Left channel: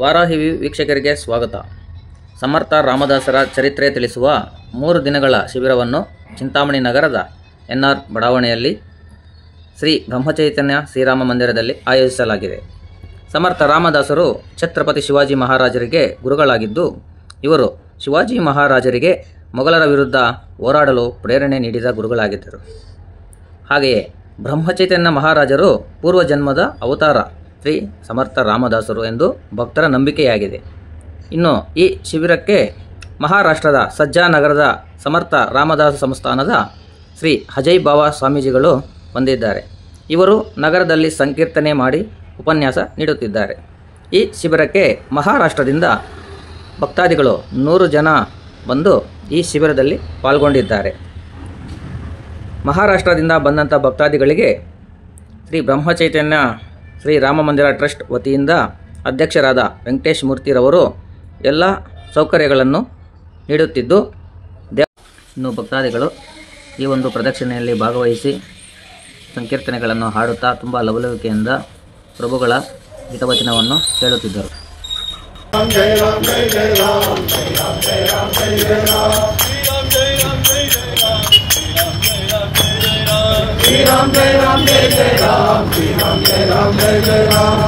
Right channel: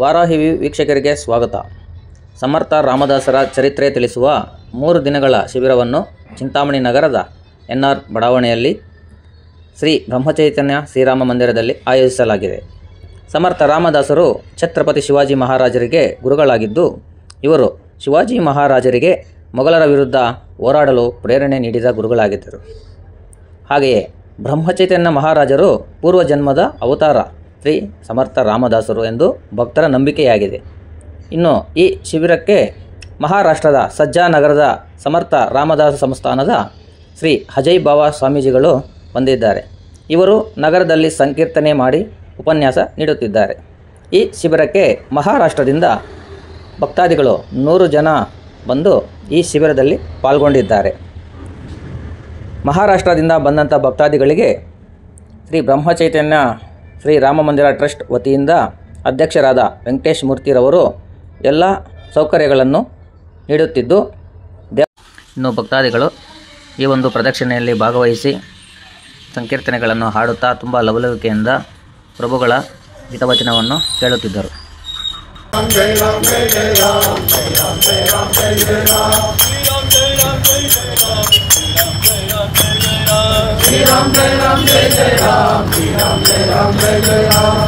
ವಾರಾಹಿ ವೀಕ್ಷಕರಿಗೆ ಸ್ವಾಗತ. ಸಮರ್ಥ ರಾಮದಾಸರ ಚರಿತ್ರೆ ತಿಳಿಸುವ 3 ದಿನಗಳ ಶಿಬಿರವನ್ನು ಚಿಂತಾಮಣಿ ನಗರದ ಎನ್ಆರ್ ಬಡಾವಣೆಯಲ್ಲಿ ಶ್ರೀ ಬ್ರಹ್ಮಚೈತನ್ಯ ಶ್ರೀರಾಮ ಮಂದಿರದಲ್ಲಿ ಆಯೋಜಿಸಲಾಗಿದೆ. ಸಮರ್ಥ ರಾಮದಾಸರು ಛತ್ರಪತಿ ಶಿವಾಜಿ ಮಹಾರಾಜರಿಗೆ ಗುರುಗಳಾಗಿದ್ದು, ಇವರು ಶಿವಾಜಿ ಮಹಾರಾಜರಿಗೆ ಮೊಘಲರ ವಿರುದ್ಧ ಹೋರಾಡಲು ಪ್ರೇರಣೆ ನೀಡಿದ ಗುರುಗಳಾಗಿದ್ದರು. ಹಾಗೆಯೇ ಬ್ರಹ್ಮಚೈತನ್ಯ ಮಹಾರಾಜರು ಪೂರ್ವಜನ್ಮದ ಅವತಾರ ಶ್ರೀ ಸಮರ್ಥ ರಾಮದಾಸರು ಎಂದು ಭಕ್ತರ ನಂಬಿಕೆಯಾಗಿದೆ. ಇನ್ನು ಈ ಶಿಬಿರಕ್ಕೆ ಮಹಾರಾಷ್ಟ್ರದ ಸಜ್ಜಾ ನಗರದ ಸಮರ್ಥ ರಾಮದಾಸ ಸಂಸ್ಥಾನದ ಶ್ರೀ ಅಜಯ್ ಬಾಬಾ ಸ್ವಾಮೀಜಿಗಳು ಬಂದಿದ್ದಾರೆ. ಇವರು ನಗರದಲ್ಲಿ ಸಂಕೀರ್ತನೆ ಮಾಡಿ ಉಪನ್ಯಾಸ ನೀಡುತ್ತಿದ್ದಾರೆ. ಈ ಶಿಬಿರಕ್ಕೆ ಮಹಾರಾಷ್ಟ್ರದಿಂದ ಭಕ್ತಾದಿಗಳು 100 ಜನ ಬಂದು ಈ ಶಿಬಿರದಲ್ಲಿ ಪಾಲ್ಗೊಂಡಿದ್ದಾರೆ. ಮಹಾರಾಷ್ಟ್ರದಿಂದ ಬಂದಂಥ ಭಕ್ತಾದಿಗಳಿಗೆ ಶ್ರೀ ಬ್ರಹ್ಮಚೈತನ್ಯ ಶ್ರೀ ರಾಮ ಮಂದಿರ ಟ್ರಸ್ಟ್ ವತಿಯಿಂದ ಅಧ್ಯಕ್ಷರಾದ ವೆಂಕಟೇಶ್ ಮೂರ್ತಿರವರು ಎಲ್ಲ ಸೌಕರ್ಯಗಳನ್ನು ನೀಡುತ್ತಿದ್ದು, ಇನ್ನು ಭಕ್ತಾದಿಗಳು ಈ ಒಂದು ಪ್ರದಕ್ಷಿಣೆಯಲ್ಲಿ ಭಾಗವಹಿಸಿ ಸಂಕೀರ್ತನೆಗಳನ್ನು ಹಾಡುತ್ತಾ ತುಂಬ ಲವಲವಿಕೆಯಿಂದ ಪ್ರಭುಗಳ ಹಿತವಚನವನ್ನು ಕೇಳುತ್ತಿದ್ದರು. Jai Ram Jai Ram Jai Jai Ram, Jai Ram Jai Ram Jai Jai Ram, Jai Ram Jai Ram Jai Jai Ram, Jai Ram Jai Ram Jai Jai Ram,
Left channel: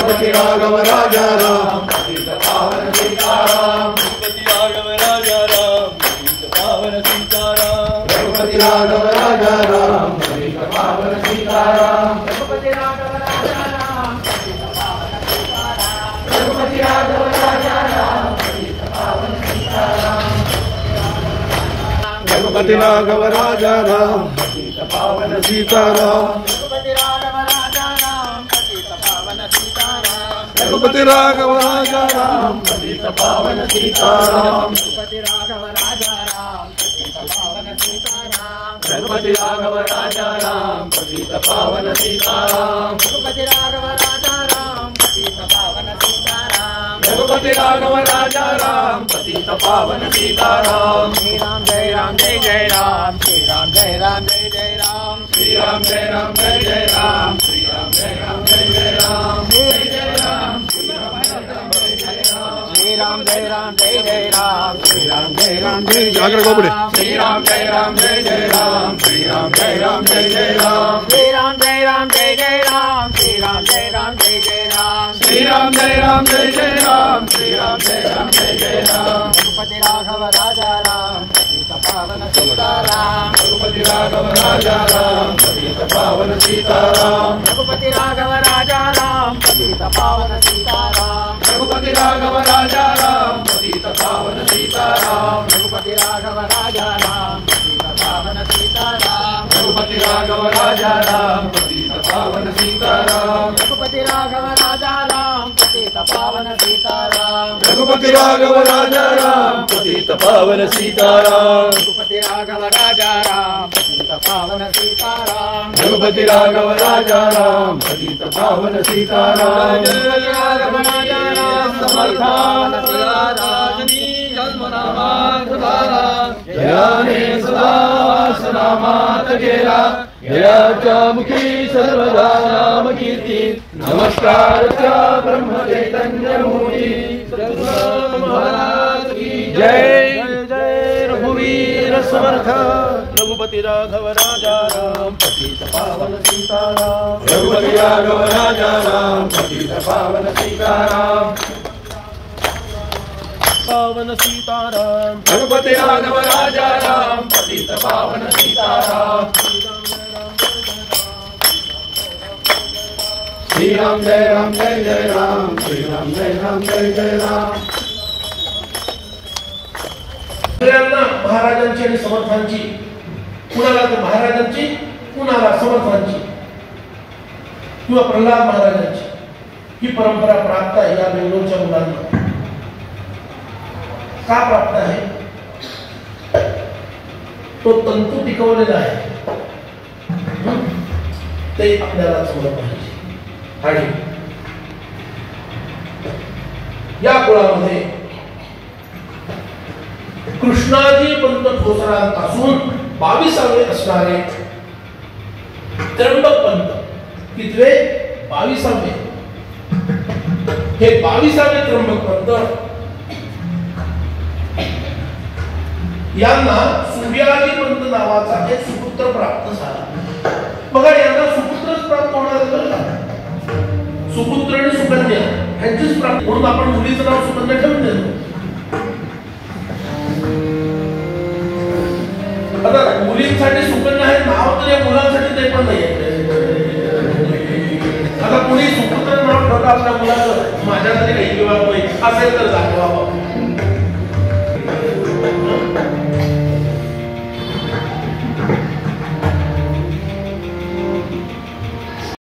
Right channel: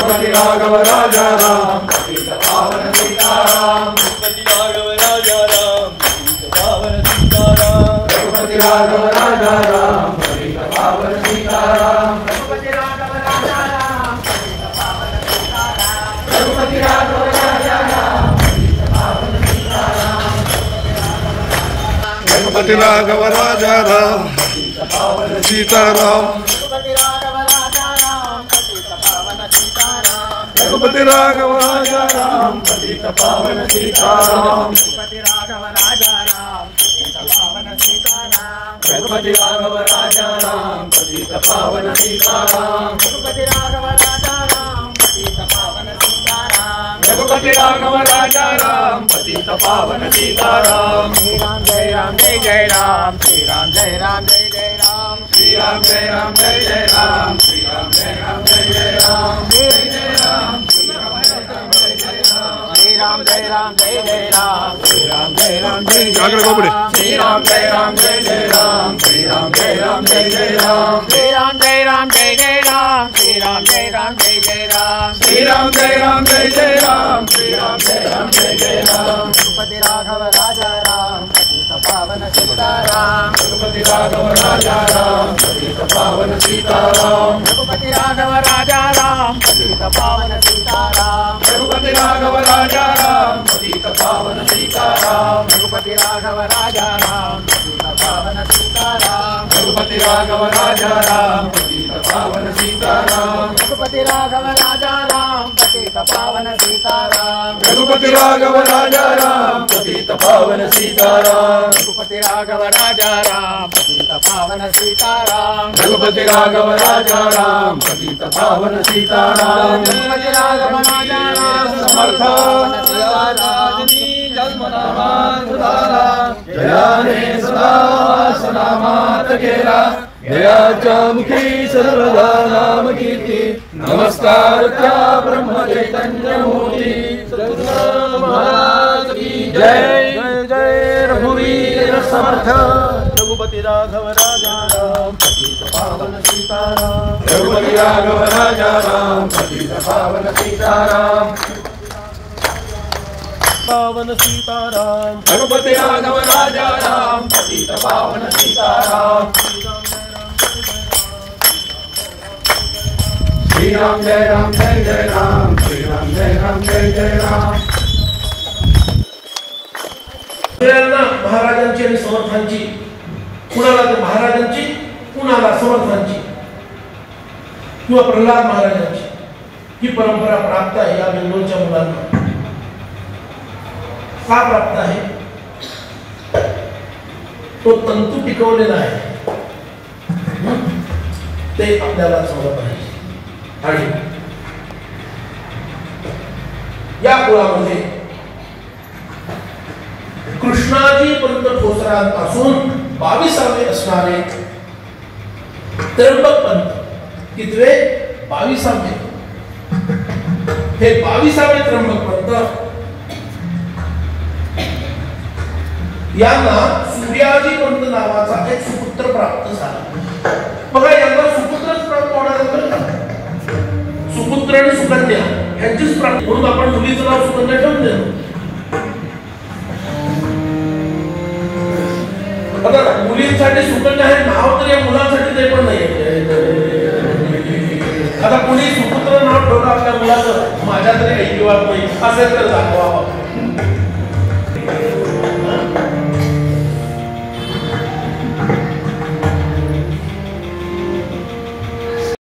Raghupati Raghava Raja Ram, Sita Pavana Sita Ram, Raghupati Raghava Raja Ram, Sita Pavana Sita Ram, Raghupati Raghava Raja Ram, Sita Pavana Sita Ram, Raghupati Raghava Raja Ram, Sita Pavana Sita Ram, Raghupati Raghava Raja Ram, Sita Pavana Sita Ram, Raghupati Raghava Raja Ram, Sita Pavana Sita Ram, Raghupati Raghava Raja Ram, Sita Pavana Sita Ram, Raghupati Raghava Raja Ram, Sita Pavana Sita Ram, Raghupati Raghava Raja Ram, Sita Pavana Sita Ram, Raghupati Raghava Raja Ram, Sita Pavana Sita Ram, Raghupati Raghava Raja Ram, Sita Pavana Sita Ram, Raghupati Raghava Raja Ram, Sita Pavana Sita Ram, Shri Ram Jai Ram Jai Jai Ram, Shri Ram Jai Ram Jai Jai Ram, Shri Ram Jai Ram Jai Jai Ram, Shri Ram Jai Ram Jai Jai Ram, Jai Jai Ram, Shri Ram Jai Ram Jai Jai Ram, Shri Ram Jai Ram Jai Jai Ram, Shri Ram Jai Ram Jai Jai Ram, Shri Ram Jai Ram Jai Jai Ram, Shri Ram Jai Ram Jai Jai Ram, Shri Ram Jai Ram Jai Jai Ram, Shri Ram Jai Ram Jai Jai Ram, Shri Ram Jai Ram Jai Jai Ram, Shri Ram Jai Ram Jai Jai Ram, Raghupati Raghava Raja Ram, Sita Pavana Sita Ram, Raghupati Raghava Raja Ram, Sita Pavana Sita Ram, Raghupati Raghava Raja Ram, Sita Pavana Sita Ram, Raghupati Raghava Raja Ram, Sita Pavana Sita Ram, Raghupati Raghava Raja Ram, Sita Pavana Sita Ram, Raghupati Raghava Raja Ram, Sita Pavana Sita Ram, Raghupati Raghava Raja Ram, Sita Pavana Sita Ram, Raghupati Raghava Raja Ram, Sita Pavana Sita Ram, Raghupati Raghava Raja Ram, Sita Pavana Sita Ram, Raghupati Raghava Raja Ram, Sita Pavana Sita Ram, Raghupati Raghava Raja Ram, Samartha Rajani Jalmanama Gudara, Jayane Sada Sanama Tagera, Jaya Chamukhi Sarvada Nam Kirti, Namaskar Cha Brahma Chaitanya Murti, Sadguru Maharaj Ki Jai, Jai Raghuveer Samartha, Raghupati Raghava Raja Ram, Sita Pavana Sita Ram, Raghupati Raghava Raja Ram, Sita Pavana Sita Ram, Pavana Sita Ram, Raghupati Raghava Raja Ram, Sita Pavana Sita Ram, Shri Ram Jai Ram Jai Jai Ram, Shri Ram Jai Ram Jai Jai Ram. महाराजांची आणि समर्थांची, कुणाला तर महाराजांची, कुणाला समर्थांची किंवा प्रल्हाद महाराजांची ही परंपरा प्राप्त आहे या बेंगलोरच्या मुलांना. का प्राप्त आहे? तो तंतू टिकवलेला आहे ते आपल्याला समजलं पाहिजे. आणि या कुळामध्ये कृष्ण कृष्णाजी पंत ठोसरांपासून 22वे असणारे त्र्यंबक पंत, कितवे? 22वे. हे 22वे त्र्यंबक पंत यांना सूर्याजी पंत नावाचा एक सुपुत्र प्राप्त झाला. बघा, यांना सुपुत्रच प्राप्त होणार आहे. सुपुत्र आणि सुकन्या यांचीच प्राप्ती, म्हणून आपण मुलीचं नाव सुकन्या ठेवून देतो. आता मुलींसाठी सुकन्या हे नाव तर या मुलांसाठी ते पण नाही. आता कुणी सुपुत्र नाव ठेवलं आपल्या मुलाचं, माझ्या तरी काही विवाद नाही असेल तर दाखवा.